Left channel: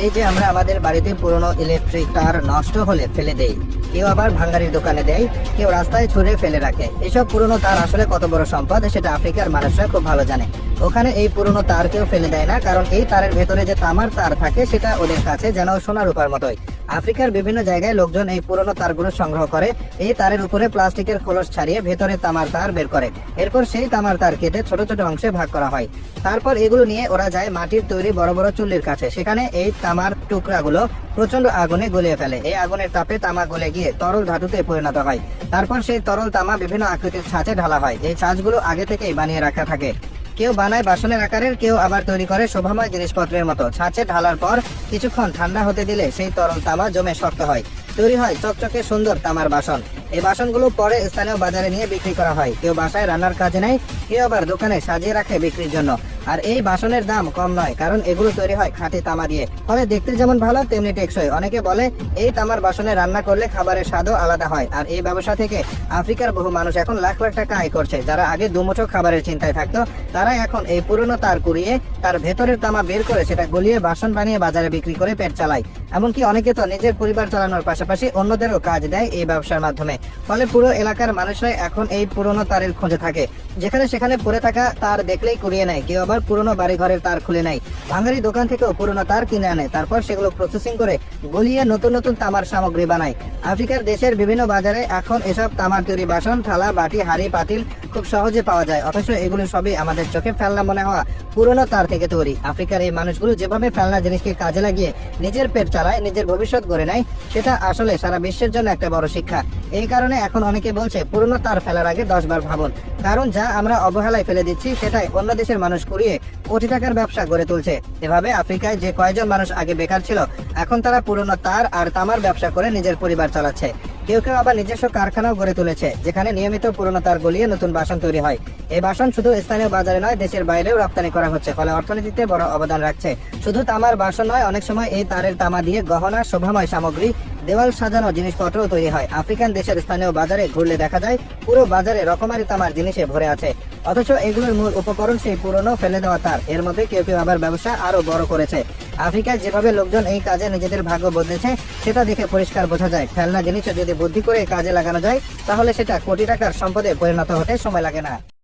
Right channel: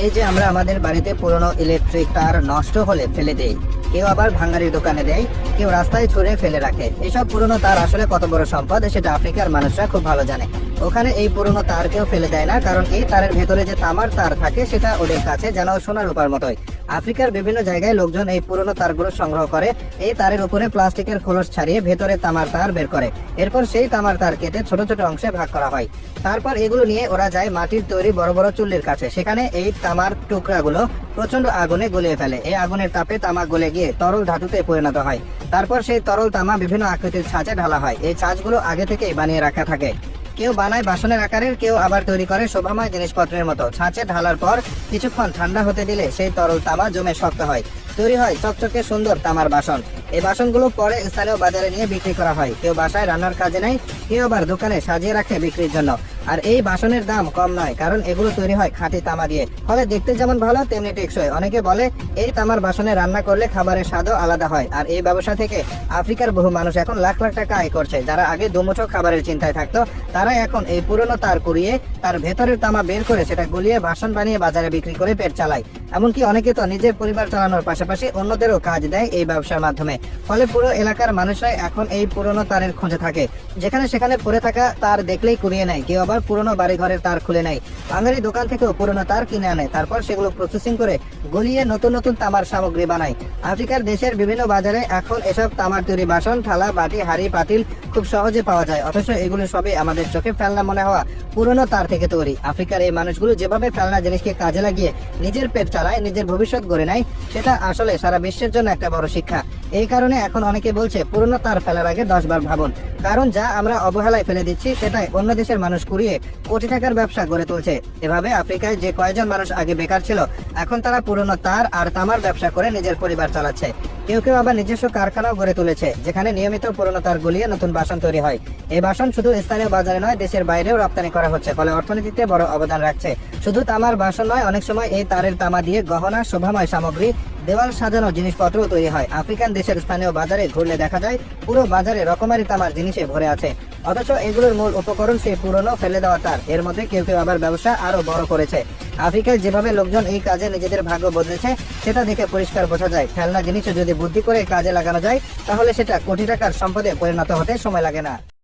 এই যে আমরা আমাদের বাড়িতে পুরনো ইলেকট্রিক তার নষ্ট হলে ফেলে দেই, কেউ আবার ভাঙ্গারির দোকানে দেয়, কেউ রাস্তায় ছুঁড়ে ফেলে রাখে। এসব পুরনো তার আসলে কত বড় সম্পদ সেটা আফ্রিকার মানুষরা খুব ভালো জানে। ওখানে এই পুরনো তার কেউ ফেলে দেয় না, কারণ এই তারের ভেতরে যে তামার তার থাকে সেটা ওদের কাছে যেন সোনার রূপার মতোই। আফ্রিকার বিভিন্ন জায়গায় লোকজন এই পুরনো তারগুলো সংগ্রহ করে, এই তারের উপরে প্লাস্টিকের খোলস ছাড়িয়ে ভেতরে তামার তার বের করে। এরপর সেই তামার তার কেটে ছোট ছোট অংশে ভাগ করা হয়। তারপর এগুলো নিয়ে ওরা যায় মাটির তৈরি বড় বড় চুল্লির কাছে। সেখানে এই তামার টুকরাগুলো প্রচন্ড আগুনে গুলিয়ে ফেলে। এই আগুনের তাপে তামা গলে গিয়ে তরল ধাতুতে পরিণত হয়। তারপর সেই তরল তামা বিভিন্ন আকৃতির ছাঁচে ঢালা হয়। এই ছাঁচগুলো আগে থেকেই বানিয়ে রাখা থাকে। কেউ বানায় বাসনের আকারের, কেউ আবার তৈরি করে শোভাময় জিনিসপত্রের মতো। ছাঁচে ঢালার পর কিছুক্ষণ ঠান্ডা হতে দিলে সেই তরল তামা জমে শক্ত হয়। তৈরি হয় চকচকে সুন্দর তামার বাসন। এই বাসনগুলো পরে স্থানীয় বাজারে নিয়ে বিক্রি করা হয়। কেউ বাসায় রান্নার কাজে নেয়, কেউ আবার দোকানে সাজিয়ে রাখে বিক্রির জন্য। আর এই বাসনের দাম কম নয়, কারণ এগুলো তৈরি হয় খাঁটি তামা দিয়ে, ফলে দেখতে যেমন ভালো তেমনি টেকসই। অনেকে বলে এই তামার বাসনে রান্না করলে খাবারের স্বাদও আলাদা হয়। আর এই ব্যবসা থেকে আফ্রিকার বহু মানুষ এখন লাখ লাখ টাকা আয় করছে। যারা আগে দুমুঠো খাবারের চিন্তায় থাকতো, তারা এখন এই পুরনো তার কুড়িয়ে তার ভেতরের তামা বের করে সেটা গলিয়ে বাসন বানিয়ে বাজারে বিক্রি করে পেট চালায়। এমনকি অনেকে তো নিজের পরিবার চালানোর পাশাপাশি অন্যদেরও কাজ দেয় এই ব্যবসার মাধ্যমে। ফলে পুরো এলাকার মানুষরাই এখন এই পুরনো তারের খোঁজে থাকে। যেখানে সেখানে পড়ে থাকা তার দেখলেই কুড়িয়ে নেয়, কেউ আবার পুরনো বাড়ি ঘরের তার খুলে নেয়। ভাঙারি দোকান থেকেও পুরনো তার কিনে আনে, তারপর সেগুলো প্রসেসিং করে গলিয়ে নতুন নতুন তামার সামগ্রী বানায়। আফ্রিকার দেশের বিভিন্ন বাজারে এখন এসব তামার তৈরি বাসন, থালা, বাটি, হাঁড়ি, পাতিল খুব সহজে পাওয়া যায়। অথচ এগুলো সবই আমাদের চোখে ফেলনা মনে হওয়া পুরনো তার থেকে তৈরি। আফ্রিকার এই মানুষগুলো যেভাবে ফেলনা জিনিসকে কাজে লাগিয়ে নিজের পেট চালায়, নিজের ভবিষ্যৎ গড়ে নেয়, সেটা আসলে সারা বিশ্বের জন্য একটা বড় শিক্ষা। এই কারণে এখন অনেকে বলছে পুরনো তার ফেলার আগে 10 বার ভাবুন, কারণ যা আমরা অবহেলায় ফেলে দিচ্ছি সেটাই অন্য দেশের মানুষ কুড়িয়ে কোটি টাকার ব্যবসা গড়ে তুলছে। এভাবে আফ্রিকায় যে কয়েকজন মানুষ আগে বেকার ছিল, এখন তারা পুরনো তার আর তামার ব্যবসা করে নিজের পরিবার চালাচ্ছে। কেউ কেউ আবার নিজস্ব কারখানাও গড়ে তুলেছে, যেখানে নিয়মিত পুরনো তার গলিয়ে নতুন বাসন তৈরি হয়। এই বাসন শুধু স্থানীয় বাজারে নয়, দেশের বাইরেও রপ্তানি করা হচ্ছে, ফলে অর্থনীতিতে বড় অবদান রাখছে। শুধু তামার বাসন নয়, অনেক সময় এই তারের তামা দিয়ে গহনা, শোভাময় সামগ্রী, দেওয়াল সাজানো জিনিসপত্র তৈরি হয়। আফ্রিকান দেশের স্থানীয় বাজারে ঘুরলে দেখা যায় পুরো বাজারে রকমারি তামার জিনিসে ভরে আছে। অথচ এগুলোর মূল উপকরণ সেই পুরনো ফেলে দেওয়া তার। এর মধ্যে কেউ কেউ আবার ব্যবসা আরো বড় করেছে। আফ্রিকায় যেভাবে লোকজন এই কাজে নিজেদের ভাগ্য বদলেছে, সেটা দেখে পরিষ্কার বোঝা যায় ফেলনা জিনিস যদি বুদ্ধি করে কাজে লাগানো যায়, তাহলে সেটা কোটি টাকার সম্পদে পরিণত হতে সময় লাগে না।